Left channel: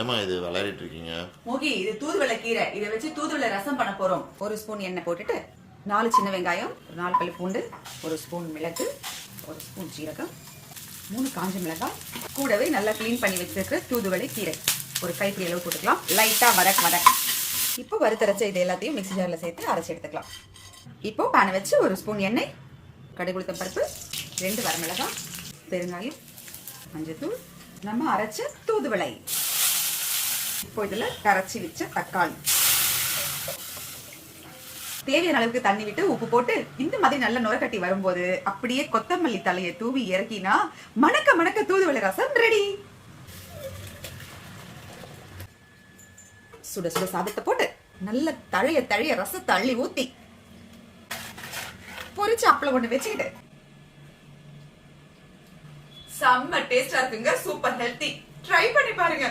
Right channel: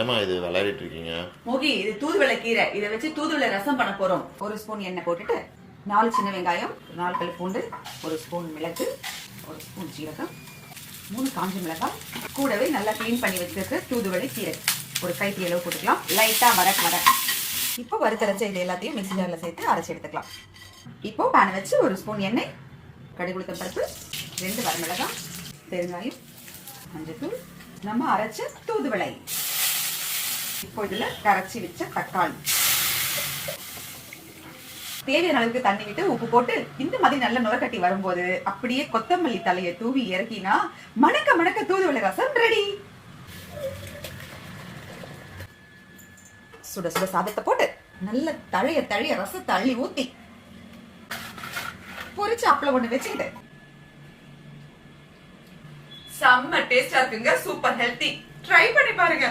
என்னமா இது விளையாடிட்டு இருக்கீங்க? மோகி, இது தூதுவளை கீரை. இதை வச்சு தூதுவளை ரசம் பண்ண போறோம். ஒரு ஸ்பூன் எண்ணெய் போட்டுட்டு 4 சின்ன வெங்காயம், 4 பல் பூண்டு, 1 ஸ்பூன் மிளகு, 1 ஸ்பூன் ஜீரகம், 3 காஞ்ச மிளகாய், கூடவே நல்லா கிளீன் பண்ணி வச்சிருக்க தூதுவளை கீரை ஒரு கைப்பிடி அளவு போட்டுக்கலாம். லைட்டா வதக்க இப்போ வறுத்தரைச்ச இது எல்லாத்தையும் மிக்ஸி ஜார்ல சேர்த்து அரைச்சி எடுத்துக்கலாம். இப்போ பேனை வச்சு 1 ஸ்பூன் எண்ணெய், கடுகு உளுத்தம் பருப்பு, 2 வரமிளகாய், பெருங்காயம், மஞ்சத்தூள், நம்ம அரைச்ச தூதுவளை, இப்போ இதுல கரைச்சி வச்ச தக்காளி, தேவையான அளவுக்கு தண்ணி விட்டு உப்பு போட்டு இந்த மாதிரி நல்ல நுரக்கட்டி வரும்போது அப்படியே கொத்தமல்லி தலையை தூவி இறக்கினா மணக்க மணக்க தூதுவளை ரசம் ரெடி. சுட சுட சாதத்தை போட்டு நல்ல தழைய ரசத்தை அள்ளி ஊத்தி பொரிச்சு அப்பளம் ஒண்ணு வச்சுக்கிட்டு செம்ம டேஸ்டா இருக்குங்க. Super healthy. ட்ரை பண்ணி பாருங்க.